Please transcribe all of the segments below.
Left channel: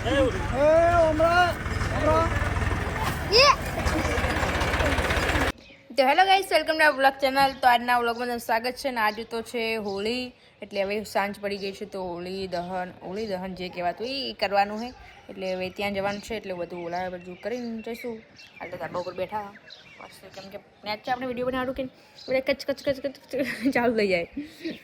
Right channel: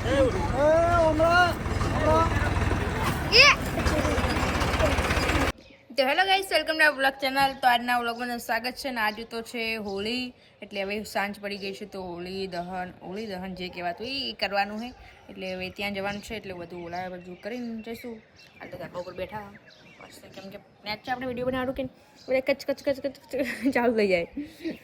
તો hello guys, welcome to blog channel. તો આજના વ્લોગમાં સ્વાગત છે ને આજે તો છે હોળી, એટલે હવે સાંજ પડી ગઈ છે તો હોળી દહન હોળી દહન જે કહેવાતું એ કરવાનું છે. એટલે હવે ત્યાં જવાનું છે, એટલે બધું ઓલા બધું કરીને જઈશું. હાલ તો ધાબા ઉપર બેઠા. પછી કેમ કે છે આપણે વીડિયો બનાવવાનું કે એટલે કચ કચ કચ કચ ચાલુ થઈ જાય.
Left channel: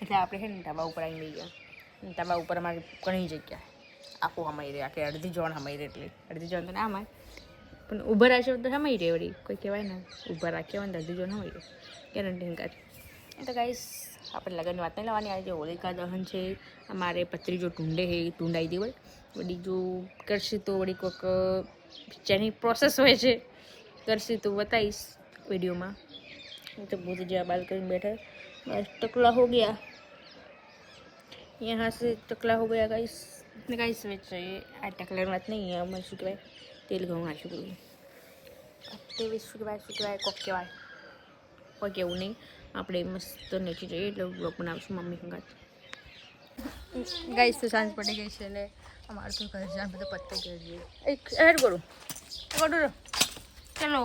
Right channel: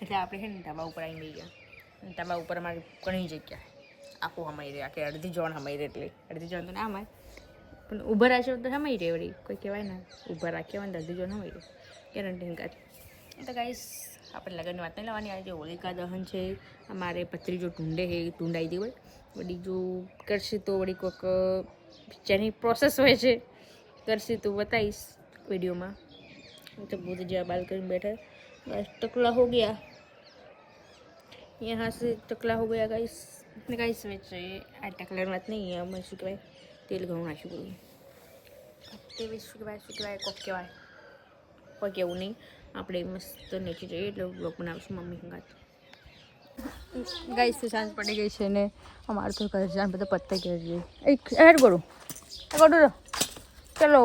એટલે આપણે છે ને ધાબા ઉપર આવીને ગયા ધાબા ઉપર અમારી ઘણી જગ્યા. આખું હમાઈ રહે આખી અડધી જોન હમાઈ રહે એટલે અડધી જોન તો ના હમાય પણ ઊભા રાખ્યો તો હમાઈ રહે વળી કોઈ કહેવાય ને ઊભા રાખ્યા હોય ને અડધી જોન હમાઈ રહે ગેરંટી હંકાર એ તો ગાઈસ આપણે લગ્નની વાત નહીં લાવવાની આજે હોલિકા દહન છે અમારે પત્રી જો ટૂંડે છે એ ટૂંડાઈ દે વળી વળી જો કરશે તો વળી કોઈક જેની પ્રોસેસ હોય છે કરશે તો બતાવીશ વિડીયોમાં હું તો બુધ જ્યાં બાલ કરીને બેઠા બસ ટકલા હો ગયા यहाँ से टकला हो गया गाइस ને કાંઈ વેચતો એ આટા કલરમાં જ નહીં અમે શું કહેવાય તેલ ઘઉં આ શું કહેવાય અત્યારે શું કહેવાય શું કહેવાય કોક કહેવાય કોઈ કહેવું નહીં આપણે મસ્ત નીચે જઈએ એટલે બ્લોગ બનાવીશું મમ્મી સંગાત ગાઈસ તો સાંજ પડી ગઈ છે ને અમારે તો ઘર જાણ બધા પત્તા ઘેર જઈએ હેડ કરું કરું ચલો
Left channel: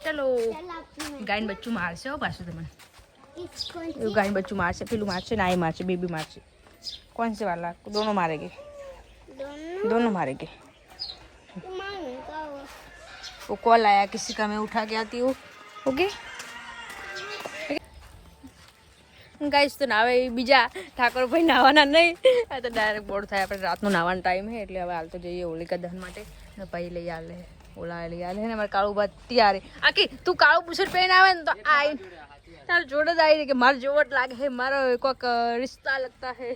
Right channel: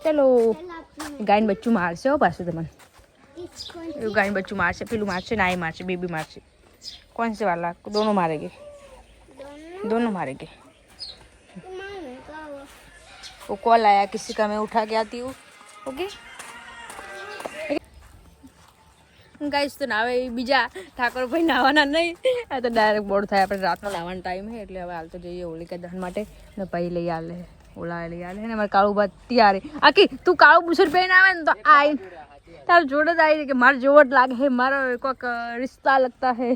ચલો ગાયન બચ્ચું મારશે હો પાછું તમે એવું ગાયન બચ્ચું મારશે પેલું મારશે ના એ મારશે બેબી મારશે कौन से वाला दोनों मारेंगे दोनों मारेंगे वो कॉल आया किसी का मैं उठा के आती हूँ ओके ગાઈસ તો નાવે એ બીજા ઠાકોરભાઈ નાવાના નહીં આ તો ડાયરેક્ટ બોર્ડ થાય આપણે રાતનો નાવાનો ટાઈમ છે એટલે હવે હાલ તો જઈએ હોલિકા દહન માટે ને ભાઈ લઈ આલે ઓલા લઈ આલે ને અમારે કાળું બાદ ત્યારે આકી તું કાળું બુસર પહેરીને આવે ને તો આઈ તાર જોડે જ આવી કે મારે જોવટ લાગે. હે મારો કોઈક રિશ્તા લગતા હે.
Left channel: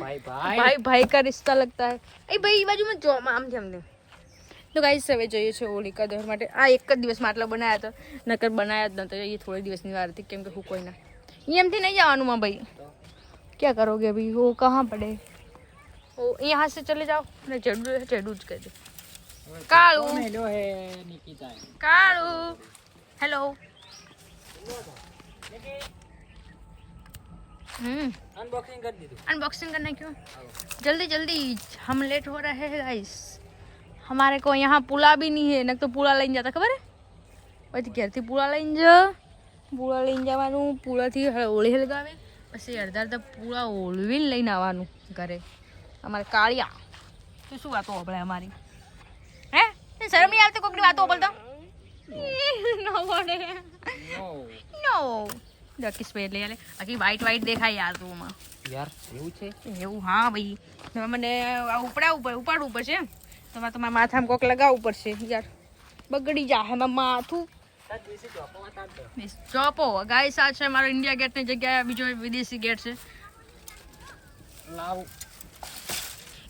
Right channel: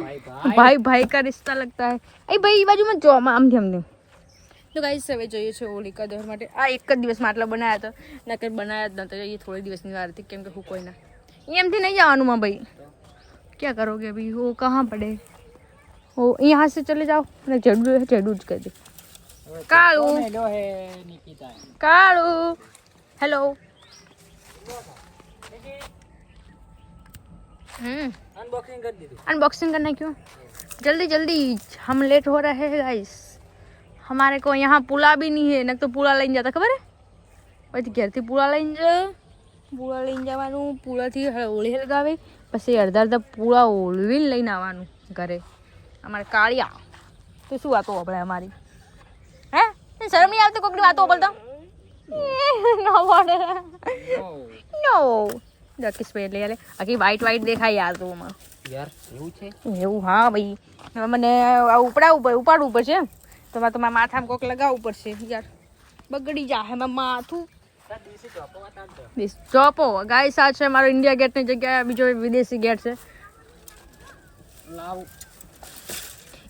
ભાઈ ભાઈ. ભાઈ ભાઈ કા રિશ્તા લગતા હે. એ ભાઈ એ બાજુમાં જો આમ થી અમને તો ગાઈસ હવે જોઈએ છે હોલિકા દહન માટે. આ એક જ દિવસમાં આટલા બનાવ્યા હતા નકર બનાવ્યા જ ન તો એ થોડી દિવસની વાર હતી કેમ કે હું કોઈ ના એમથી નહીં જવાનું માં ભાઈ. ક્યાં કરોગે ભાઈ? હો કહા પડે. હો અહીંયા સે ચલે જાઓ. ને જડું હે જડું જ કરજો કાળું. કાળું. હેલો હે નિકિતા कालू हेलो हम्म અનબોક્સિંગ કરી દીધું अनबॉक्सिंग करना क्यों जल्दी जल्दी हम लेट हो रहे हैं गाइस हमारे को यहाँ पुला भी नहीं है न तो पुला લઈને જતા ખબર હે પછી ઘેરથી પુલા લઈને જ પુલા લઈને જવાનું પુલાથી હોળી લગાવે પછી અડધા અડધા પુલા ઓળવીને લઈને આવવાનું ઘરે અમારે કાળિયા તો શું વાતો આપણે અમારી હે તને શરમ નહીં આવતી કોકની વાતો બોલતો નો બોલે નો ડકી સ્પેડ લઈ આલે આખી વ્હાઈટ વ્હાઈટ દેખાય યાર રૂમમાં યાર એવું છે? એવું હા ભાઈ. હવે મને આ ઉપડાવું પડે ઉપાડવું પડશે તો મારે તમારા માથામાં કોક લગાવવું પડશે યાર. બગડી જા હે માથું. ચોપો ગાય આ છે મારો ઇન્ડિયા ગેટની જગ્યાએ બીજો વિદેશી ગેટ છે.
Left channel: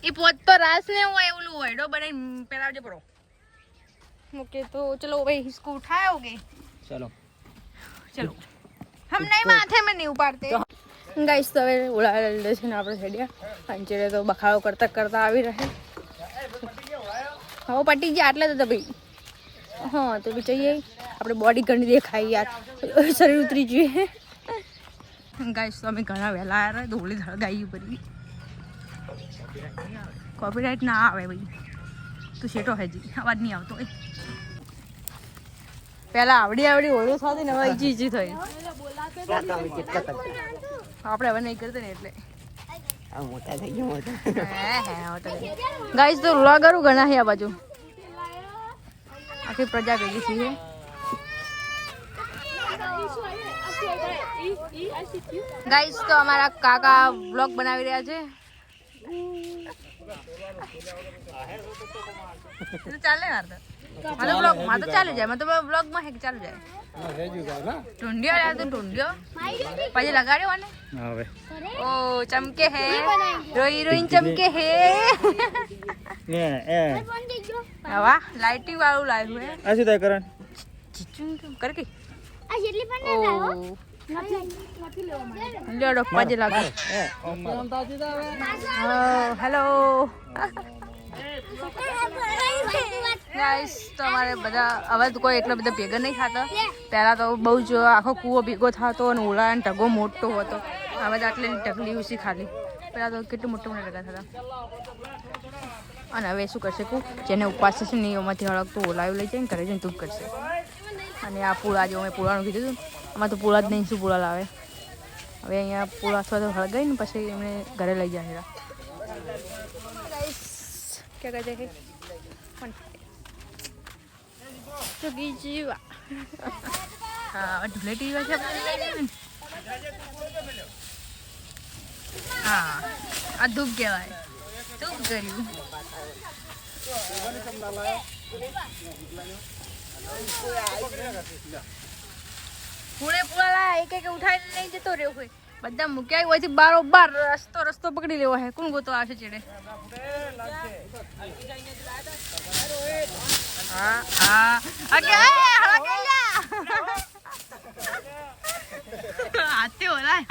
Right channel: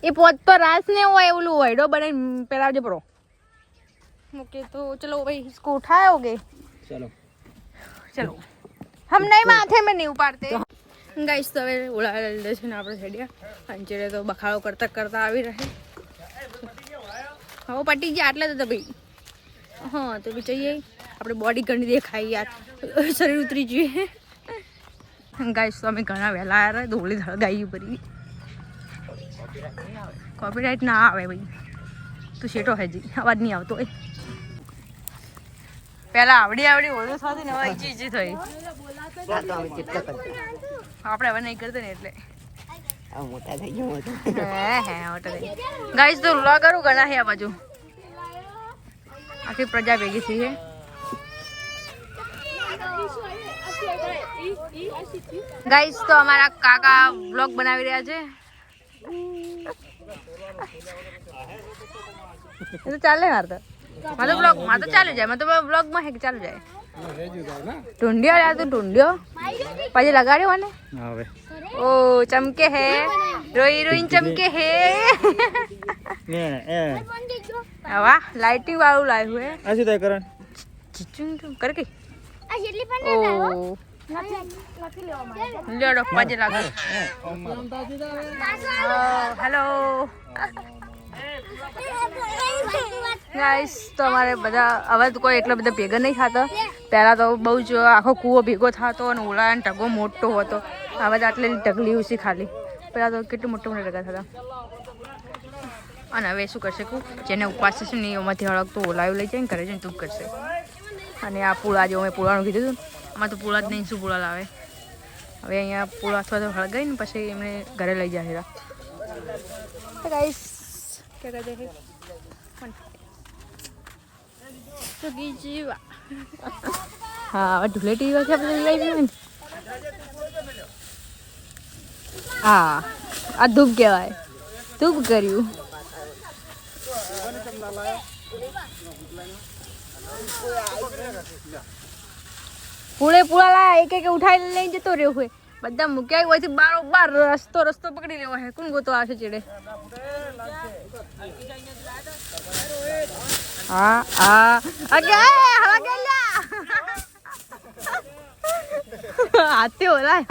એ પોત તો રાસ ને હોય એવું હોય. ડો બનાવીને પેલા જે પરો. ઓકે તો ચલો ભાઈ ઇસકો ઉઠાયોગે ચલો. ચલો. હમ નહીં માથે મેં નહીં ઉપાડતે. ગાઈસ તો હવે ઉડા લીધે છે ને આપણે છેડ્યા અંચેરે તો બખાડો કરતા કરતા આવી રહે. હવે પટી ગયા આટલા તો ભાઈ. હા તો બી જઈએ. આપણે બોડી ઘણી દેખાય યાર. શરીર ઉતરી જઈએ ગાઈસ તો અમે ઘણા વહેલા આવ્યા રહ્યા ધોળી ધળગાઈ પડી કોપીરાઇટ ના આવે ભાઈ. તું શેટો હજી અવાજ નહીં આવતો એ પહેલા આવડી આવડી ઓળો સાથે ને હવે જી જી થઈ. આપણે હવે નહીં કરતા ને એટલે. મોટા થઈ ગયો ગાઈસ તો વ્લોગર ઘણા છે આ બાજુ? આખી પ્રજા ભેગી છે ગાઈસ તો અમારા કાકા વ્લોગ બનાવી રહ્યા છે. એ તો ચાલે મારે તો. મારે બ્લોગમાં તો ચાલુ જાય મતલબ બ્લોગમાં હે કે ચાલુ જાય? ટુંડિયો યાર તું ટુંડિયો પછી લગાડ્યો ને હવે. ઓ ચમકે હે. રોઈ રોઈ ચમકે હે. ને એ. હવા લાઇટિંગ વાળું લાવ્યું હે. આ શું થાય કરણ? ચિચું કર કે ઓ. લ્યો પજે લાગે. હેલો. ગાઈસ તો અમારે બધા હવે તો કોઈ એટલા બધા ભેગા નહીં થતા. પહેલાં તો બહુ જ આખો કૂવો ભેગો થતો અને ઓલા ટગો મોટો હતો. હવે તો આટલી ટગલી ઉસી ખાલી. પહેલાં તો કેટલું મોટું મોટા ટગા થતા. અને હવે શું કરશે કું જેને ઉપવાસ થશે ને એમાંથી હળક તો ઓલાયું લઈ જઈને કરે છે ને તું કરશે. અને આ પૂળા જેવું મેં પૂળાનું કીધું હતું. ને, આમાં તો પૂળા જ નહીં શું પૂળા લાવે? હવે અહીંયા પૂળા અથવા તો હળગાઈ ને પછી એમને ઘરે લઈ જાય ગાઈસ ક્યાં કહે છે કોણ તો જીવા હા હવે ધૂળેટી દિવસે આપણે લઈ જઈએ ને હા આ ધૂપ કહેવાય ધૂપ કર્યું પૂળે પૂળા લાયા એક એક ઉઠાઈ લઈને જતો રહ્યો હોય બધા મૂક્યા હોય બારો બાર રસ્તો રસ્તો પકડી લેવો હે. કોણ ગોતો આવશે ચેડે? હા હા. અગે હળા હાથે ઓલા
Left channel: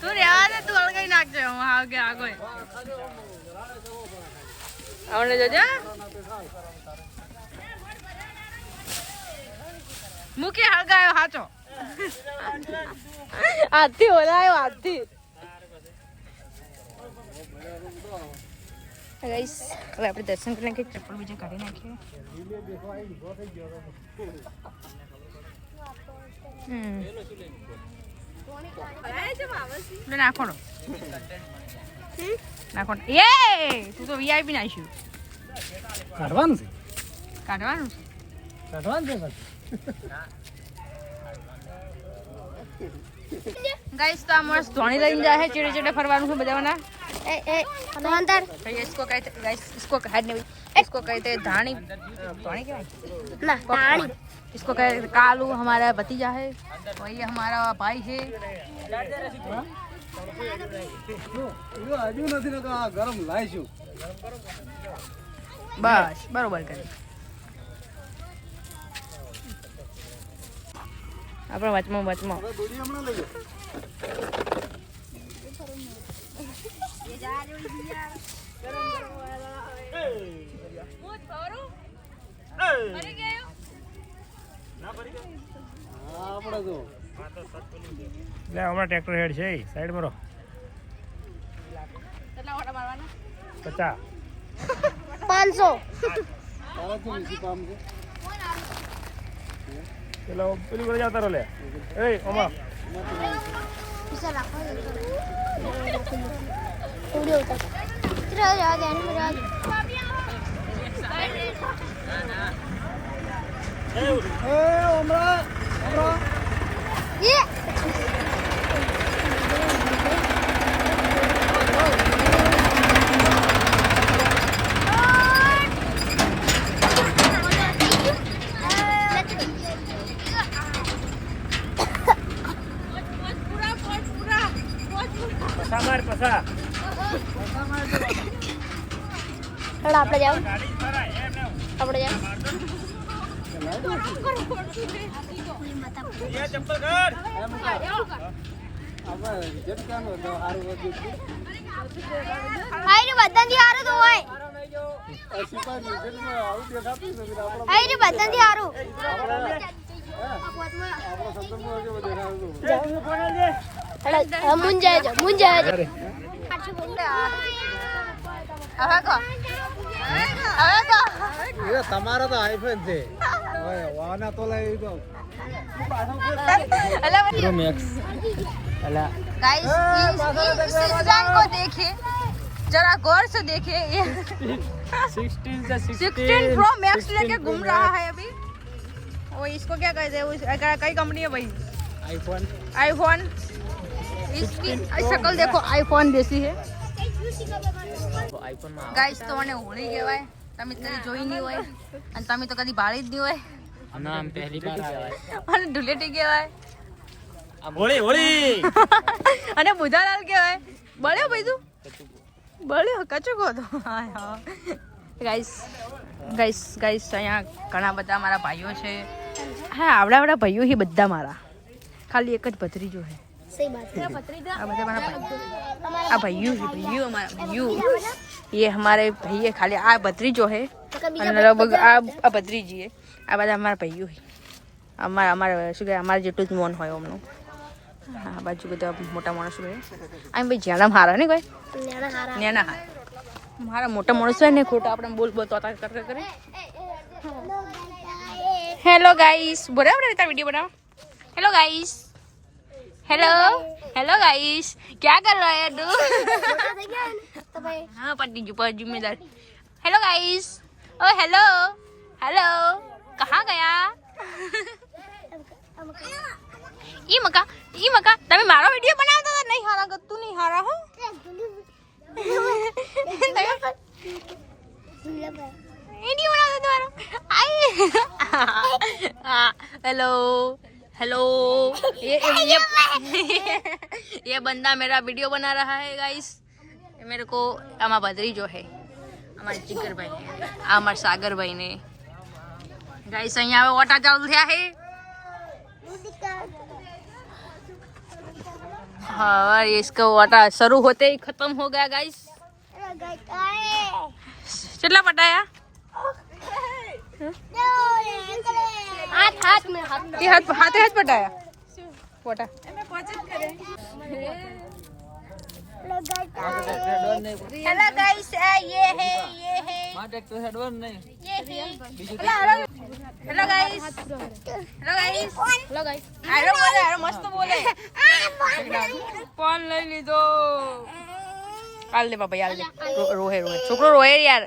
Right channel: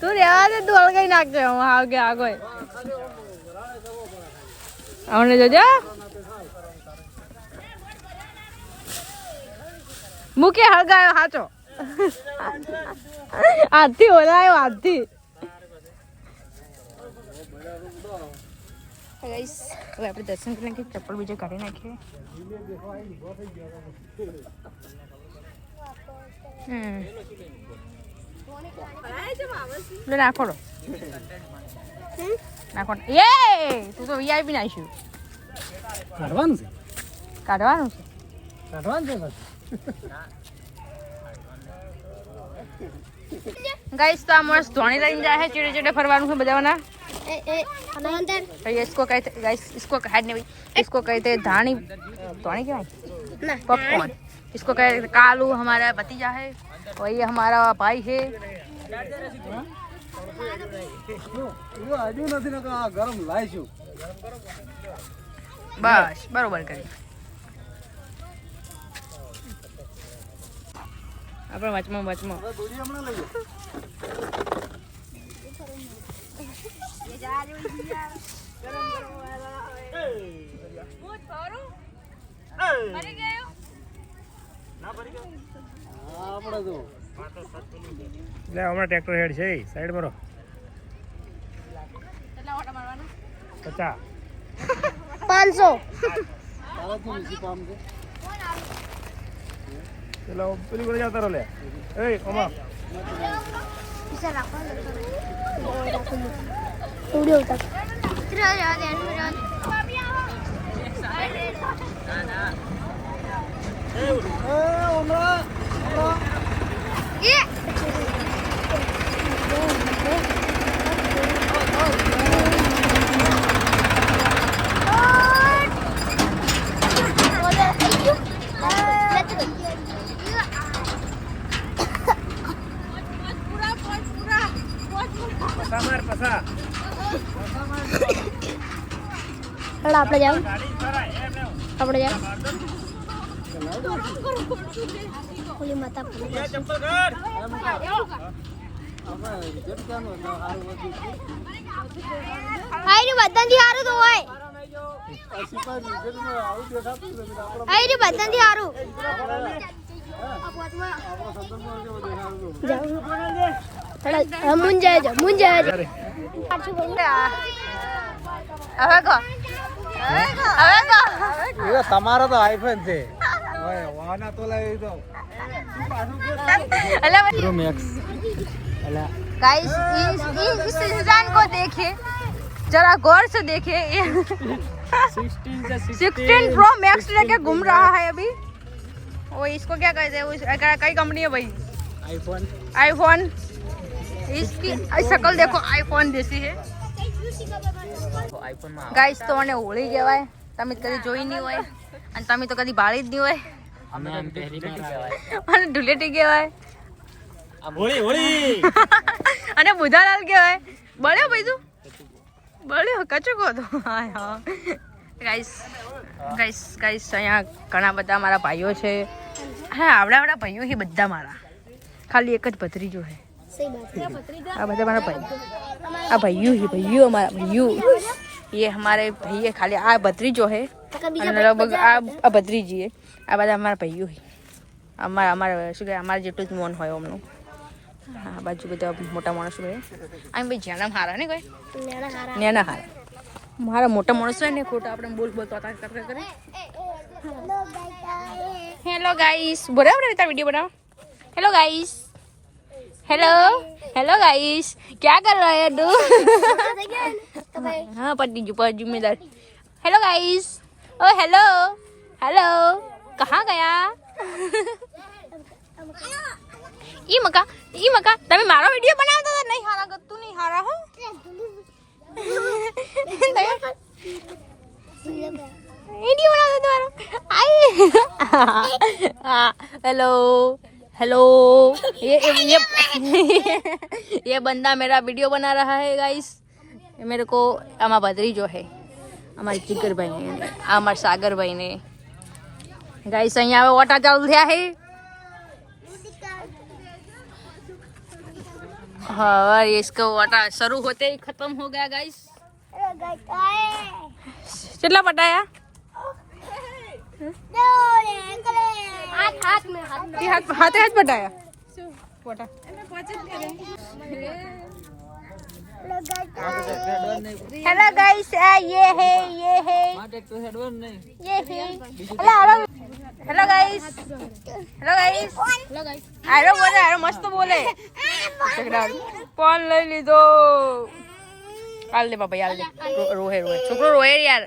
તું રેવા દે, તું હળગાઈ નાખજે. હું હાલગે આગળ આવને જોજો. મૂકે હળગાયો હાચો. હાથી ઓલાયો હાથી ગાઈસ હવે આપણે દર્શન કરીને નાખીએ ચપ્પલ બીજે કાઢી નાખીએ. નાખો નાખો એ તું તો વીઆઈપી નાખ્યું કાઢવાનું છે? કાઢવાનું કાઢવાનું છે ગાઈસ તો આ મસ્ત ધોણી લઈને જાય છે ચેડે ચેડે ફરવાનું છે બધાના ए ए अंदर तो ये इसको कहते गाइस इसको हाथ नहीं इसको कहते हैं धानी धानी क्या है ना पॉपकॉर्न इसको कहते हैं कालू हमारा भतीजा है और ये हमारा भाई है હજુ નથી ને આ ગરમ લાવીશું બસ બરોબર કરી આપણે વચમાં વચમાં. હમણાં ટ્રેક્ટર હેડ છે સાઈડ મરો પચાસ. પાંચસો. કામ પેલા પેલી કરી જતા રહો લે એ ઓમા પસા માર પસા આપણે જાવ ગાડી ખરા એમ એમ આપણે જાવ ઓલી માતા ચંપલ કર આપણે જેમ કેમ હોય તો સારું વધ્યું છે. આઈ બધાથી હારું તો હોય આ સિપાહી મ્યુઝિયમમાં આવું દેખાતું નથી ને આપણે આઈ બધાથી હારું આપણા સંદર્ભમાં મુંજાય છે મુંજાય છે હવે કહો હવે કહો તમારો તો આઈફોન છે गाइस इस इस इंसान को देखिए जरा गौर से देखिए ये 16 से 16 प्रो मैक्स लेके घूम रहा है अभी वो इसको क्या कहते हैं उस- क- कई कंपनी है भाई આઈફોન आईफोन इसकी शक्ल देखो आईफोन जैसी है ગાઈસ તો મને હોળી કહેવાય તમે કદી જોઈ નહીં હોય અને તમે તો કદી બાળી જ નહીં હોય નામ પહેલી બાર આવે અને ધુલેટી કહેવાય હોળી હોળી અને બુધાલાલ કહેવાય બળ્યો ભાઈ બળ્યો કચુકો હતો હા હા ગાઈસ ગાઈસ ગાઈસ અહીંયા ઘણા બધા મારા ભાઈઓ છે। હા આવડા આવડા ભાઈઓ છે બધા મારા। ખાલી એક જ ભત્રી જો હે આ બધા મારા ભાઈ। આ ભાઈઓ હી ભાઈઓ અમારા ભાઈઓ। એ અમારે ભાઈએ ખાલી આ ભત્રી જો હે અને લગભગ આ આ ભત્રીજી હે આ બધા અમારા ભાઈઓ હોય અમારા અમારા, શું કહેવાય, અમારે જેટલું જ મન હોય અમનું. હા બાજુ બધા મોટા માણસો હોય આમ ભાઈ જ્યાંના હારા ને ભાઈ? નેના હારા. મારા મોટા માણસો હોય ને, ખોટા આપણે બોલ બોલ તો કરે કરે. હેલો ગાઈસ બરાબર રીતે વીડિયો બનાવો hello guys hello hello guys ક્યાં કર રહે તું? હા, પડી ગયું પર જિમ્મેદાર હેલો ગાઈસ ઓ હેલો હેલો कहाँ गया ઈ મકા ઈ મકા તમે મારો વિડીયો બનાવતા હતા નહીં હારા ગતું નહીં હારા હો વિડીયો બનાવતા તમારો આઈ हाँ हेलो हेलो ये ये ये बंदा मेरा वीडियो बना रहा है गाइस मेरे को आमा बदरी जो है અમારી ચિકરભાઈ ને આ અમારા સાગરભાઈ ને ગાઈસ અહીંયા હવે ઓટા ચાલુ થયા છે हाँ इसका वाटा शुरू होते ही खत्म हो गया गाइस चला पटाया हाथ हाथ में हाथ ये हाथ हाथ हाथ पटाया वाटा हेलो गाइस ये है ये है ये है hello hello guys hello guys लो गाइस આરો બોલે આરો મસ્ત બોલે ફોન લઈ લીધો હાલ દે બાબા હાલ દે રો- રોહે રોહે છોકરો રોહે યાર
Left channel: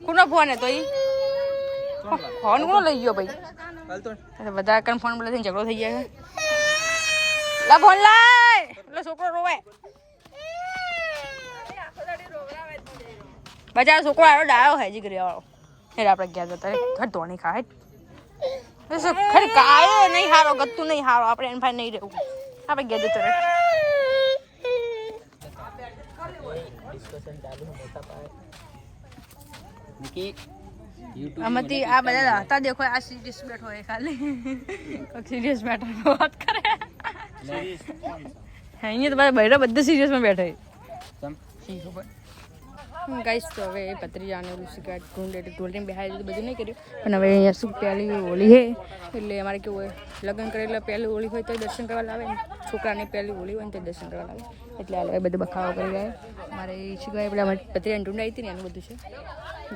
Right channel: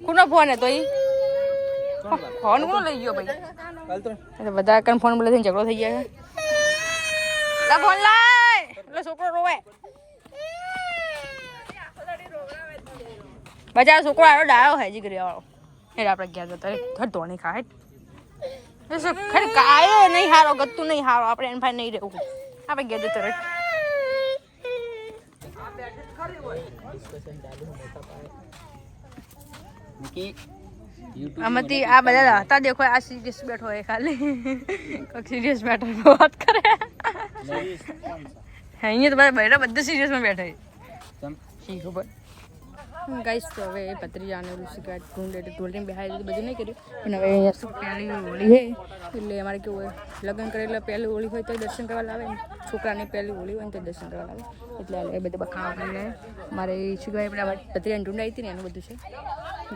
કોનો ફોન હે તો ઈ ફોન કોનો લઈ ગયો ભાઈ અરે બધા કન ફોન બોલે થઈને ઝઘડો થઈ જાય છે લા ફોન લાય એટલે છોકરો રોવે બચારો છોકરો આરો ડાળો હે જીગરી વાળો એટલે આપણે ગયા જતા રે ઘર ધોણી ખાય. ખરી કાય નહીં હારો ગતું નહીં હારો. આપણે એન ભાઈ નહીં રહેવું. આપણે ગયા જતો રે આમાંથી આ બધા હતા દેખો આ સિરિયસ બેઠો હોય ખાલી. કોઈક સિરિયસ બેઠો વાત કરે. અહીંયા તો બધા બૈરા બધા સિરિયસમાં બેઠા છે. ખબર ગાઈસ તો હવે ઓલું શીખવા ઢૂંઢે ઢોલને બેહાડી દીધું, બધું નહીં કર્યું. પણ હવે અહીંયા શું પહેલી હોળી હે, એટલે અમારે કેવું હોય, લગ્ન કરેલા પહેલી હોળી હોય તો દર્શન કરવા લાવે છોકરાની પહેલી હોળી હોય ને તો દર્શન કરવા લાવે. એટલે આ બધું બખાવા પડી ગયા મારે શીખવાય પેલા પત્રીજાને ઢૂંઢાઈ હતી ને એનું બધું છે.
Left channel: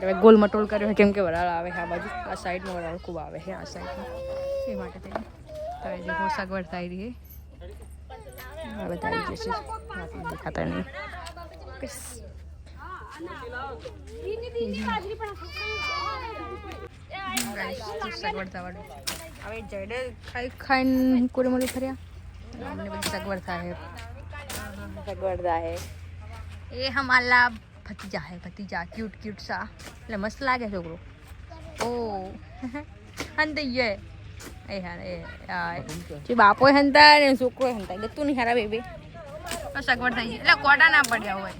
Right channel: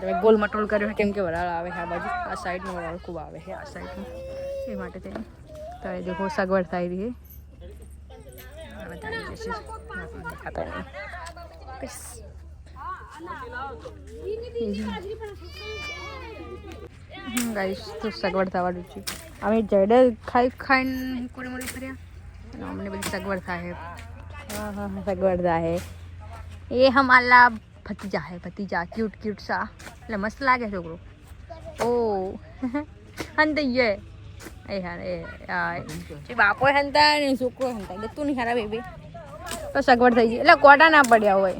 હવે ગોલ મટોલ કર્યો કેમ કે વરાળ આવે આ બાજુ. આ સાઈડનો વરાળ ખૂબ આવે છે આ સાઈડનો. એ માટે થઈને તો એ દેખો સગવડ થઈ રહી છે હવે થઈ જશે. ખાતા બસ. ગાઈસ તો સગવડ થવાનું છે. અમે જેડે ખાઈ ખાઈને પૂરી મળી ફર્યા. અને અમને બધી સગવડ થાય. સગવડ થાય. એ હમાલા ભતીજા હે ભતીજા ક્યુટ ક્યુટ સા. એટલે મસ્ત લાગે છોકરો. ઓ. હંતૈયે એ હા એ જે બાપો હંતા ને છોકરો હંતા. ગતું નહીં ખરાબ બેબી. તો સગવડ થઈ ગઈ. એટલે કોટા ના પડ્યા હોય.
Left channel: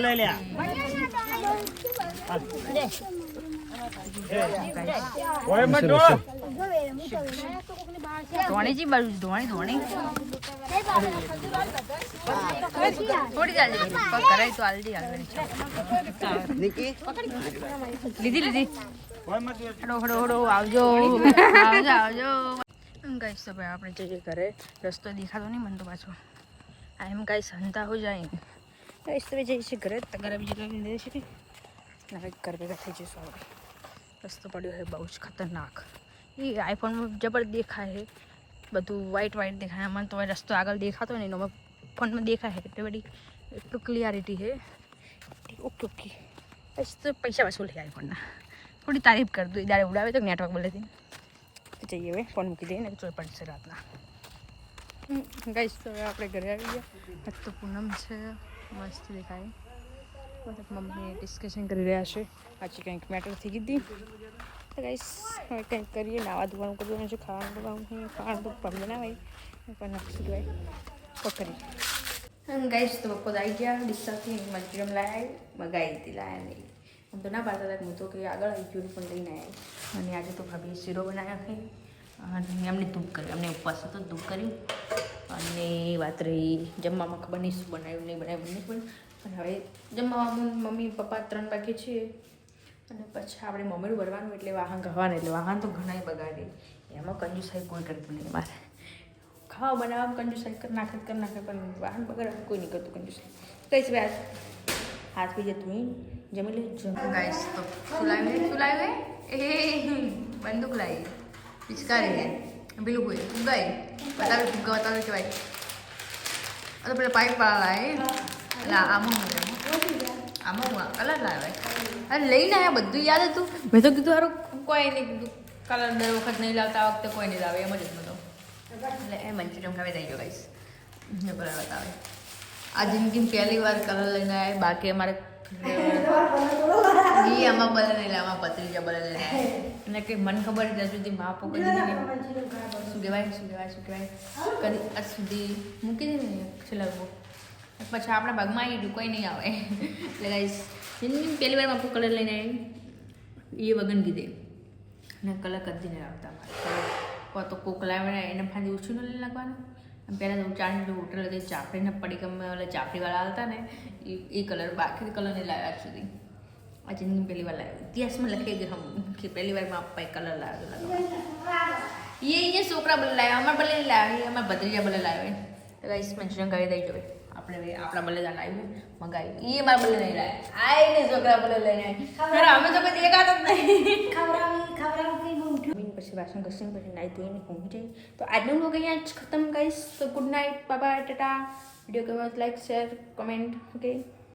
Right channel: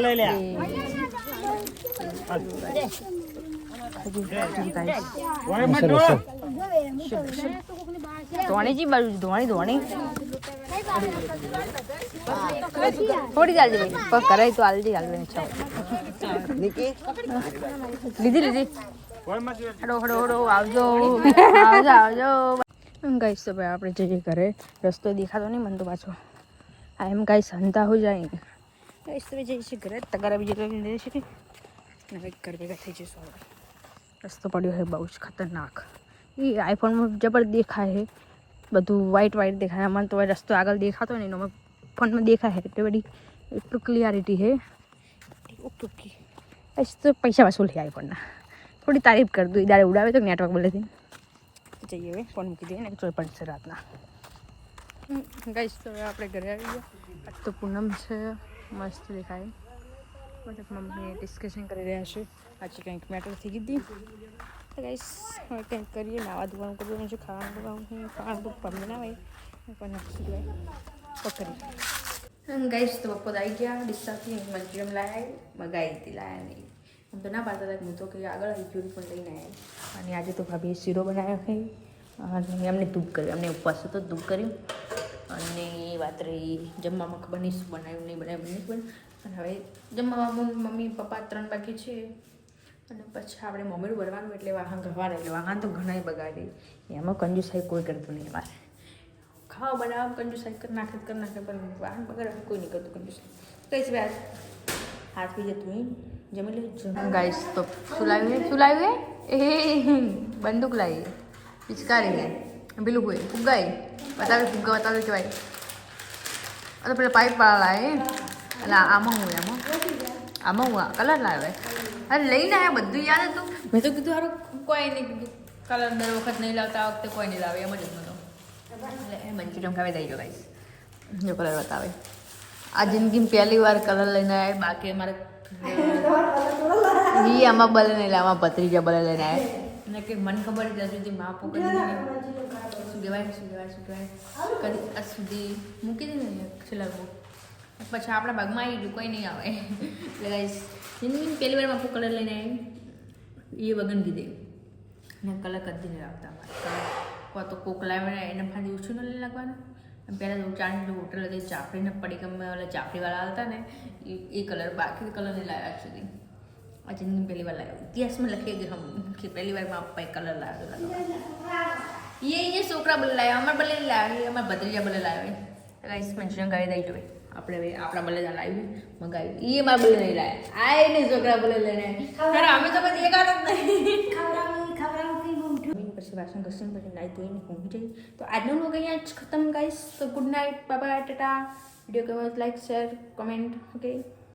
લઈ લે ઓય મટો ધોણી જી બાજુ ધોણી ધોણી થોડી પણ કરાય તો આલતી ચાલે લીધી આવજો આવજો તો ભાઈ આપણે જઈએ ઘરે રસ્તો દેખાતો નહીં, મને તો પાછો આ એમ કાંઈ સંતા હો જાય ગાઈસ તો જઈએ છીએ ઘરે તગારા બીજી લઈને દે છે. હવે ઘર ભેગા થઈ જઈશું હવે. રસ્તો પડ્યો છે બહુ જ ખતરનાક. એ આઈફોનમાં જબર દેખાય છે. બધું વ્હાઈટ વ્હાઈટ દેખાય. આમાં તો રસ્તો આગળ દેખાતો નહીં એનો ફોનમાં દેખાય છે એટલી બધી. એટલું ક્લિયરિટી છે. Okay okay. તો પૈસા વસૂલ છે આઈફોનના થોડી તારીફ કરી દઉં દાડે ઉડાવે તો નેટવર્ક બોલેથી જઈએ હવે ફોન મૂકી દઈએ ને. ચોઈ પડશે રાતના. ગઈશ તો હવે આપણે ઘરે આવી ગયા. તો પૂનમ છે, મસ્ત દેખાય. મતલબ મમ્મી ડિસ્કશન કરી રહ્યા છે. આજે કંઈક મેટર થઈ ગઈ તો ગાઈસ, હવે કંઈક કરીએ, નાવા ધોવાનું કરવાનું છે, ખાવાનું છે. ખાવાનું તો પણ બનાવાય પણ નક્કી દેવાય પકડી ગાઈસ, તો બપોર આવી ગયા. ડિસ્સાથી મંચુરિયમ લાયા મગાવી હતી લાયા નહીં. આમ તો ના પાડતા હતા હું તો કે આગળ આવી પણ લઈને આવી અને આજે તો ભાભીએ શીરો બનાવ્યો છે. અને એમને ધૂપ કર્યું. એમને ઉપવાસ હતો ધૂપ કર્યું. અને વાત રહી જમવામાં ખબર નહીં શું બનાવ્યું નહીં બનાવ્યું નહીં. પણ પણ હવે જમવામાં મમ્મી, પપ્પા ત્રણ વાગે છે. અને પછી આપણે મમ્મીનું ભરવાનું એટલે વાહન ગવાના એટલે વાહન તો ઘણાય બગાડી. એમાં કંજુસાઈ કોઈ કરતું નહીં મારે. ખાવા બનાવવા કંજુસાઈ કરી નાખે કરી નાખે, પણ વાહન બગાડવા કોઈ નહીં કરતું કંજુસાઈ. કઈશ વાત. હાથ પી જતું જમી લે. જમ. ગાઈશ તો ચુલાવ્યું લાવ્યું શું લાવ્યું એ બંદૂક લાવી. પિચકારી છે પેલું કોઈ ફુગાઈ બતાવે ફુગા બતાવે કહેવાય અરે પેલા પાઇપ વાળા લાવે એટલે આમાં હું આમાં આમાં હું કલર લાવે અરે લઈને આવ્યા બધું યાદ હતું મેં તો કીધું સારું કોઈ નહીં કીધું કલર દર વખત નહીં લાવતા આ વખતે કોઈ નહીં લાવે એમ જ હતું એટલે એ મંચુરિયમ ખાવે દઈ ગયો ગાઈશ જો કલર બતાવે આ જિંદગીમાં પહેલી વાર કલર લઈને આવ્યા બાકી અમારે વી આમાં બલે નહીં લાવવા ભત્રીજા બલે લઈને આવ્યા અને કે મને ખબર ત્યાં સુધી માપો કરી શું કહેવાય શું કહેવાય શું કહેવાય? કદી આજ સુધી મૂકી દીધું ને છેલ્લા પછી આપણા ભાગમાં આવી ગયું કોઈ નહીં આવે. એટલે ગાઈસ જિંદગી પહેલી વાર માપો કલર લઈને આવી. એ વગન કીધે. અને કલર કદી નહીં લાવતા અમારે કલર કો તો કોક લાવે ને એને ફાંદી ઓછું ન લઈ નાખવાનું. પહેલાં તો ચાણી હોટલ હતી ચાપડીને પડી ગમે ઓલા ચાપડીવાળા આવતા ને એ એ કલર બાકી કલર નહીં લાવ્યા સુધી આ જિંદગી પહેલી વાર લાવ્યો ઇતિહાસમાં લખી ગયો હમ કે પહેલી વારમાં પપ્પાએ કલર લાવ્યો તો લગાવવા એ એ છોકરા બલે લાવ્યા અમારા બલે લાવ્યો એ અમારા ભત્રીજા બલે લાવ્યા રાઈસ મંચુરિયન કરી દઈ જોઈએ આપણે આપણા બલે લાવ્યું મંગાવ્યું એ મારા બલે નહીં લાવ્યા આ એને છોકરા બલે લઈને આવ્યા અમે તો કદી દેખાતા જ નહીં પછી વાસણ ઘસીને પછી નાઈ ધોઈને પહોંચી જઈ તો આજનો લોક અહીંયા જ ખતમ ગાઈશ તો ગુડ નાઇટ બાબા ટાટા વીડિયો ગમે લાઈક શેર કમેન્ટ ઓકે